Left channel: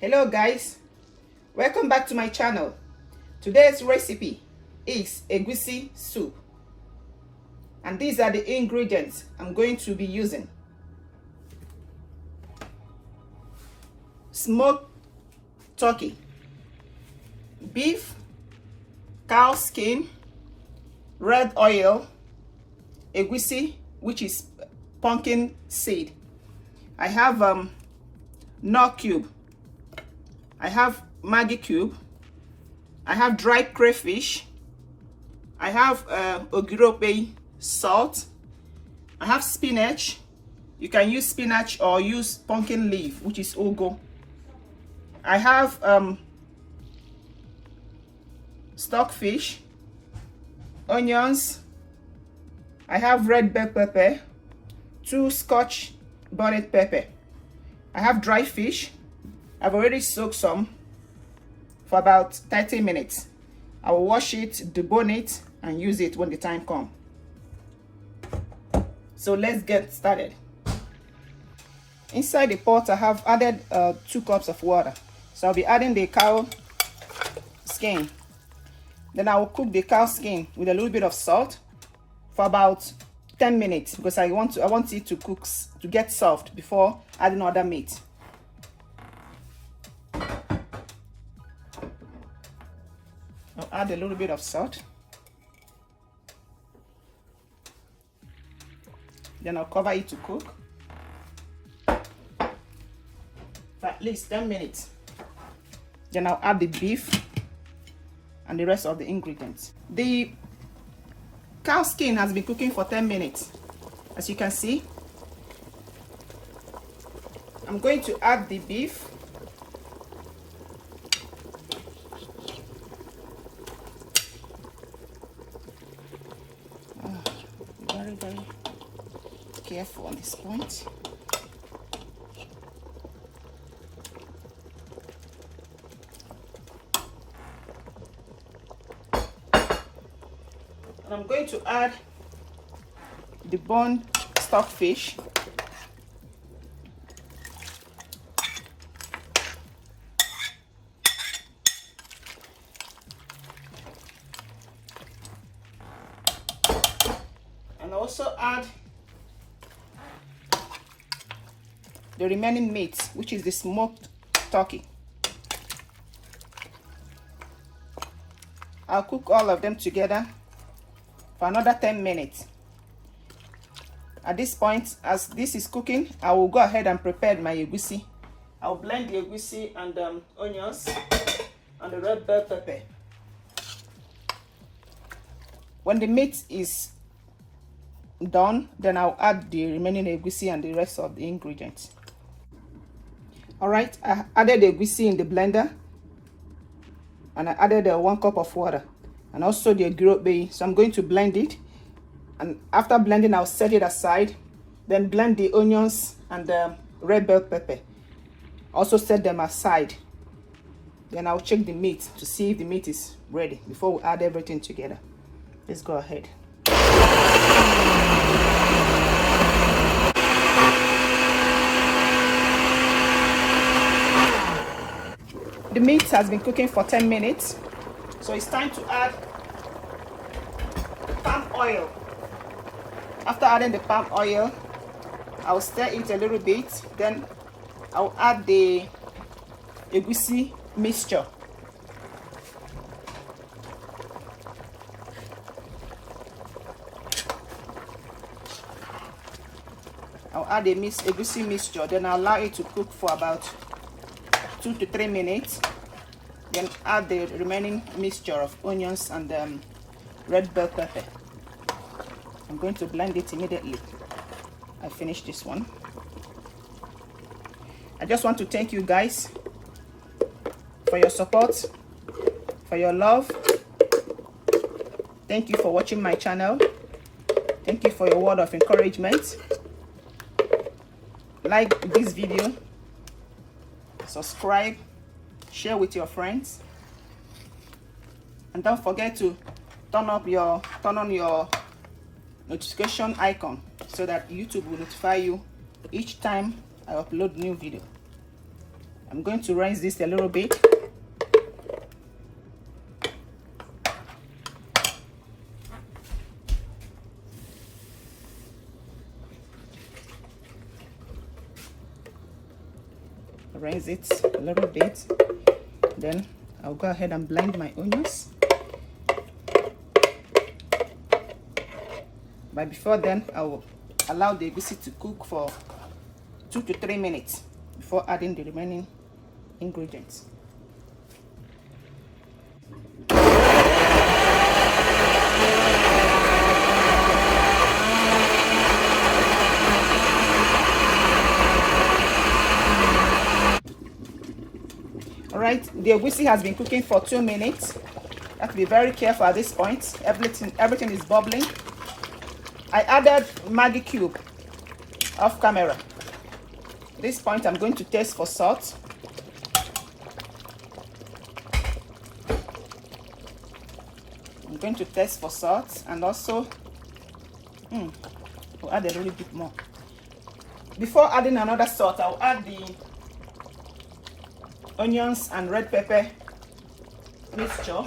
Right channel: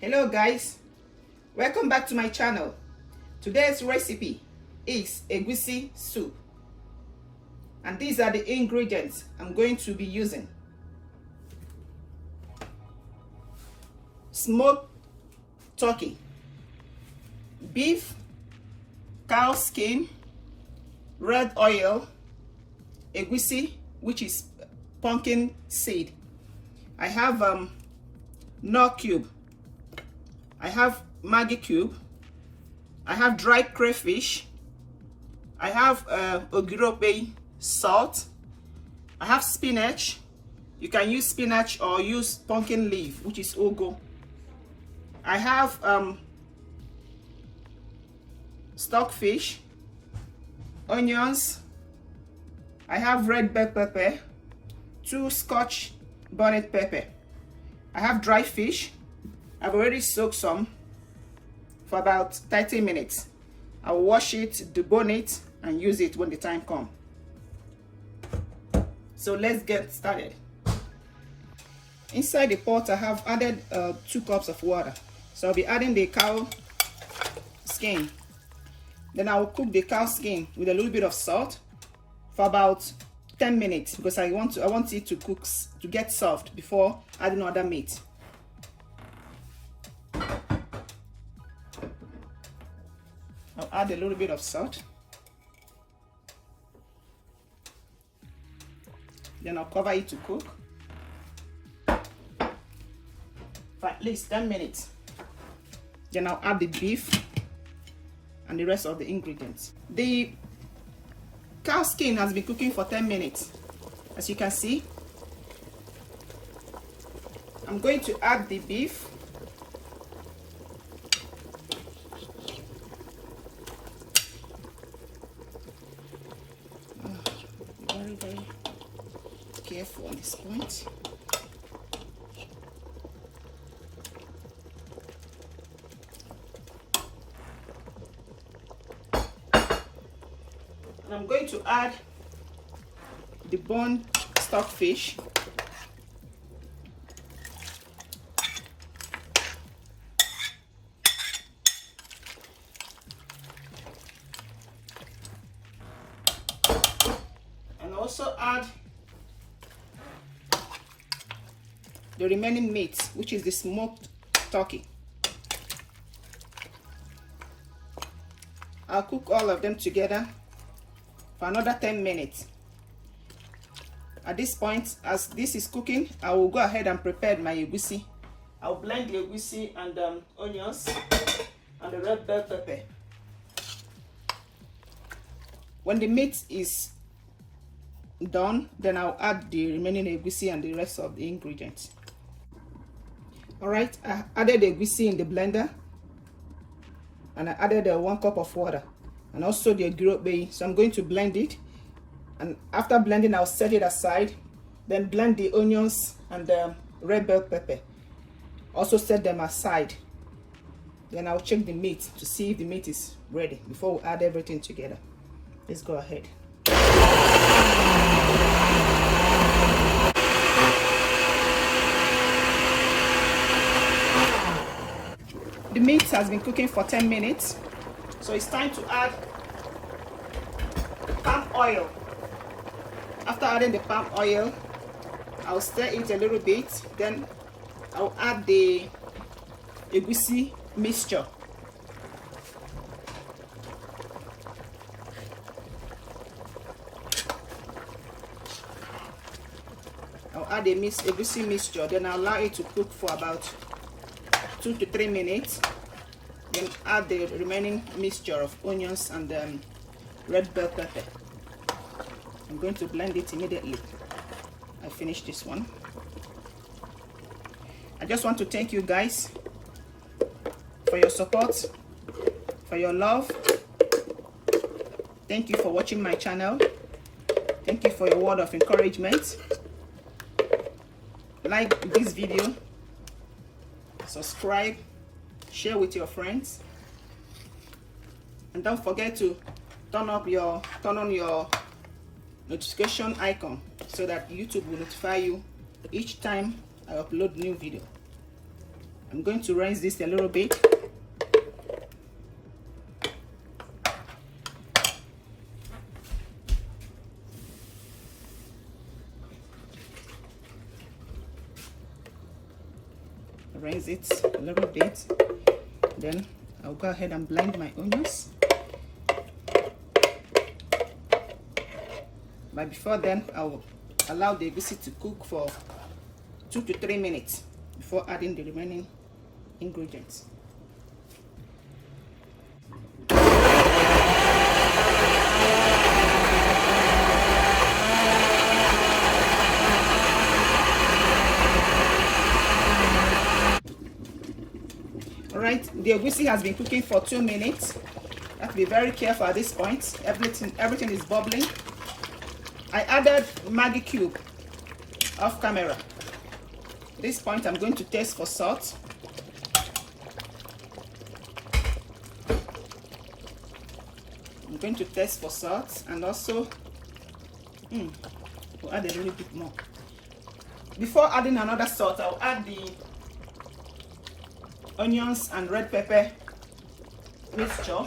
Hello guys, welcome back to my channel. Today's recipe is egusi soup, and these are the ingredients I'm going to be using. Smoked turkey, beef, cow skin, red oil, egusi, which is pumpkin seed. I have Knorr cube, I have Maggi cube, I have dried crayfish, I have Ogiri salt, I have spinach. You can use spinach or use pumpkin leaf, which is ugu. I have stockfish, onions, I have red bell pepper, 2 Scotch bonnet pepper. I have dry fish. I've already soaked some for about 30 minutes. I will wash it, debone it, and use it when the time comes. So let's get started. Inside the pot, I have added 2 cups of water. So I'll be adding the cow skin. Then I will cook the cow skin with a little bit of salt for about 10 minutes because I want it to cook to get soft before adding other meat. I'll add a little bit of salt. Then I'll cover it to cook for at least 10 minutes. Then I'll add the beef and the rest of the ingredients. The cow skin has been cooking for 10 minutes. As you can see, I'm going to add the beef. Very careful on this point. And I'm going to add the boned stockfish. And also add the remaining meat, which is the smoked turkey. I'll cook all of them together for another 10 minutes. At this point, as this is cooking, I will go ahead and prepare my egusi. I'll blend the egusi and onions and the red bell pepper. When the meat is done, then I'll add the remaining egusi and the rest of the ingredients. Alright, I added the egusi in the blender and I added 1 cup of water and also the okpei. So I'm going to blend it, and after blending I'll set it aside. Then blend the onions and the red bell pepper, also set them aside. Then I'll check the meat to see if the meat is ready before we add everything together. Let's go ahead. The meat has been cooking for 10 minutes, so it's time to add palm oil. After adding the palm oil, I'll stir it a little bit. Then I'll add the egusi mixture. I'll add the egusi mixture. Then I'll allow it to cook for about 2 to 3 minutes. Then add the remaining mixture of onions and red bell pepper. I'm going to blend it immediately. I finished this one. I just want to thank you guys for your support, for your love. Thank you for watching my channel. Thank you for your word of encouragement. Like this video, subscribe, share with your friends, and don't forget to turn on your notification icon so that YouTube will notify you each time I upload new video. I'm going to rinse this a little bit. Rinse it a little bit. Then I'll go ahead and blend my onions. But before then, I will allow the egusi to cook for 2 to 3 minutes before adding the remaining ingredients. Alright, the egusi has been cooking for 2 minutes. You have to be very careful at this point. Everything is bubbling. I added Maggi cube off camera. At this point, I'm going to taste for salt. I'm going to taste for salt, and also we'll add a little bit more. Before adding another salt, I'll add the onions and red pepper mixture.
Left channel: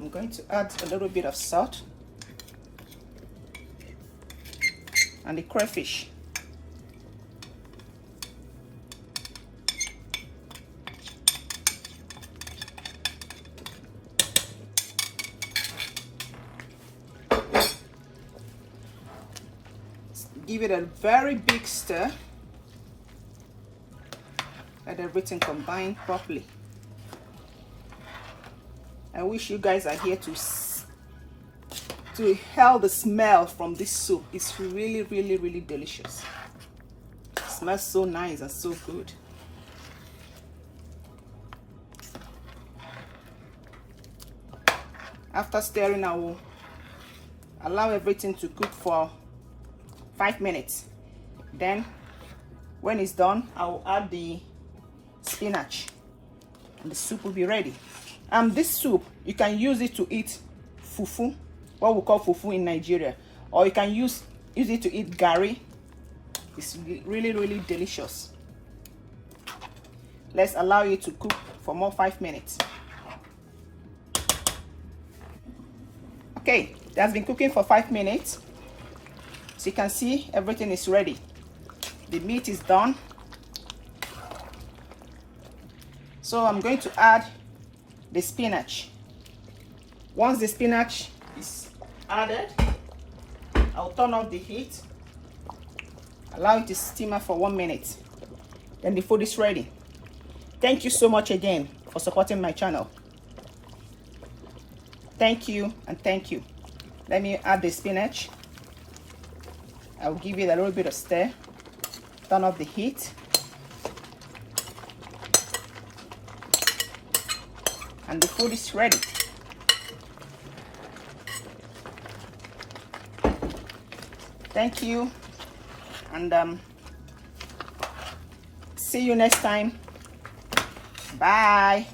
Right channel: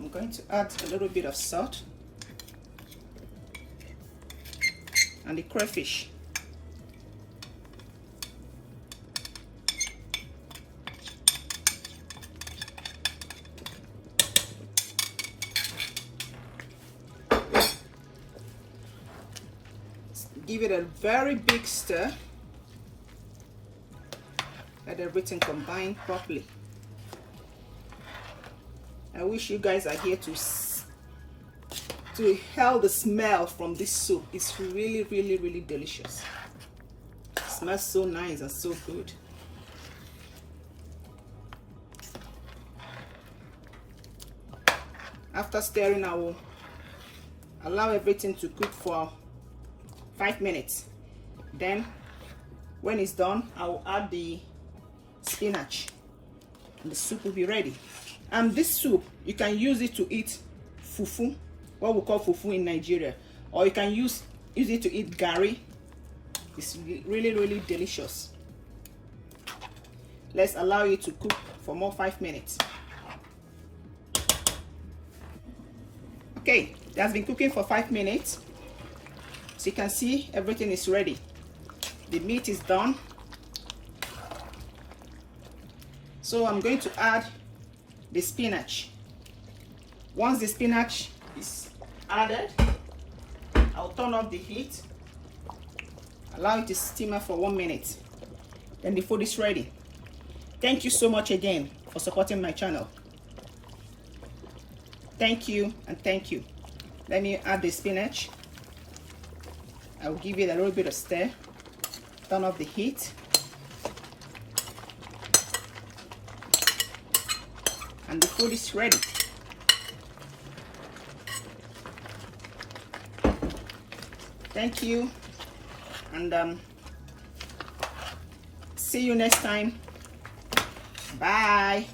I'm going to add a little bit of salt and the crayfish. Give it a very big stir. Let everything combine properly. I wish you guys are here to inhale the smell from this soup. It's really, really, really delicious. It smells so nice and so good. After stirring, I will allow everything to cook for 5 minutes. Then when it's done, I will add the spinach and the soup will be ready. This soup, you can use it to eat fufu, what we call fufu in Nigeria, or you can use it to eat gari. It's really, really delicious. Let's allow it to cook for more 5 minutes. Okay, it has been cooking for 5 minutes. So you can see everything is ready. The meat is done. So I'm going to add the spinach. Once the spinach is added, I'll turn off the heat, allow it to simmer for 1 minute. Then the food is ready. Thank you so much again for supporting my channel. Thank you and thank you. Let me add the spinach. I'll give it a little bit of stir. Turn off the heat. And the food is ready. Thank you, and see you next time. Bye.